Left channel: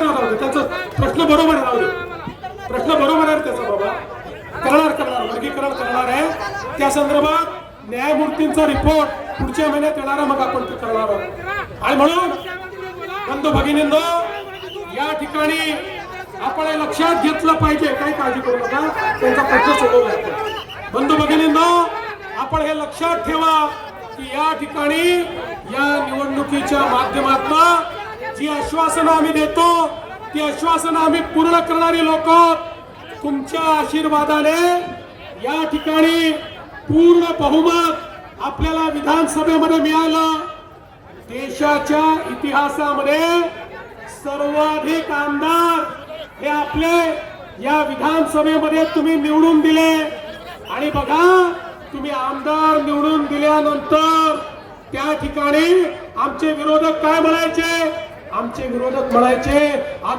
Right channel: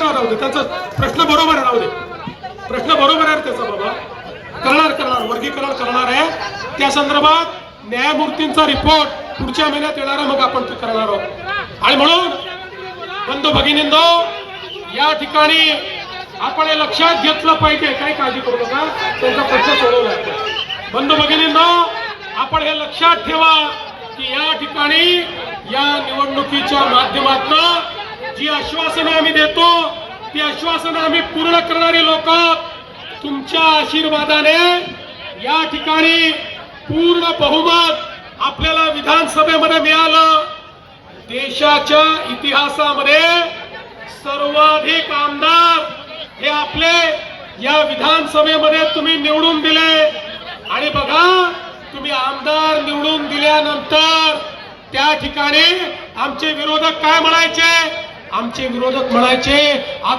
राहू दे. त्यांचा प्रश्न बरोबर आहे राहू दे. प्रश्न बरोबर आहे त्याचा बाबा. करणार करणार वर्गीकरण करणार आहे. त्या संदर्भात न्यायमूर्तींचा रिपोर्ट पुढच्या महिन्यात येणार मग आपण ते करणार आहोत. आणि म्हणून बंधू भगिनींनो या ठिकाणी आपण हे लक्षात घेतलं पाहिजे. काय काळजी करू नका. त्यांचा प्रश्न सोडवू लागतो बंधू भगिनींनो आपण हे लक्षात ठेवा की या ठिकाणी या निवडणुकीच्या माध्यमातून जी आश्वासनं आम्ही देतो ती आश्वासनं आम्ही पूर्ण करणारी लोक तुमच्या आशीर्वादाने या ठिकाणी पूर्ण बहुमत आपल्याला विधानसभेमध्ये मिळालं. देशाच्या इतिहासामध्ये सर्वाधिक आमदार हे आपले या विधानसभेमध्ये तुम्ही निवडून दिले. आणि बघा तुम्ही आमदार निवडून दिल्यानंतर त्या ठिकाणी आमचे विरोधक काय म्हणायचे? आमचे विरोधक म्हणायचे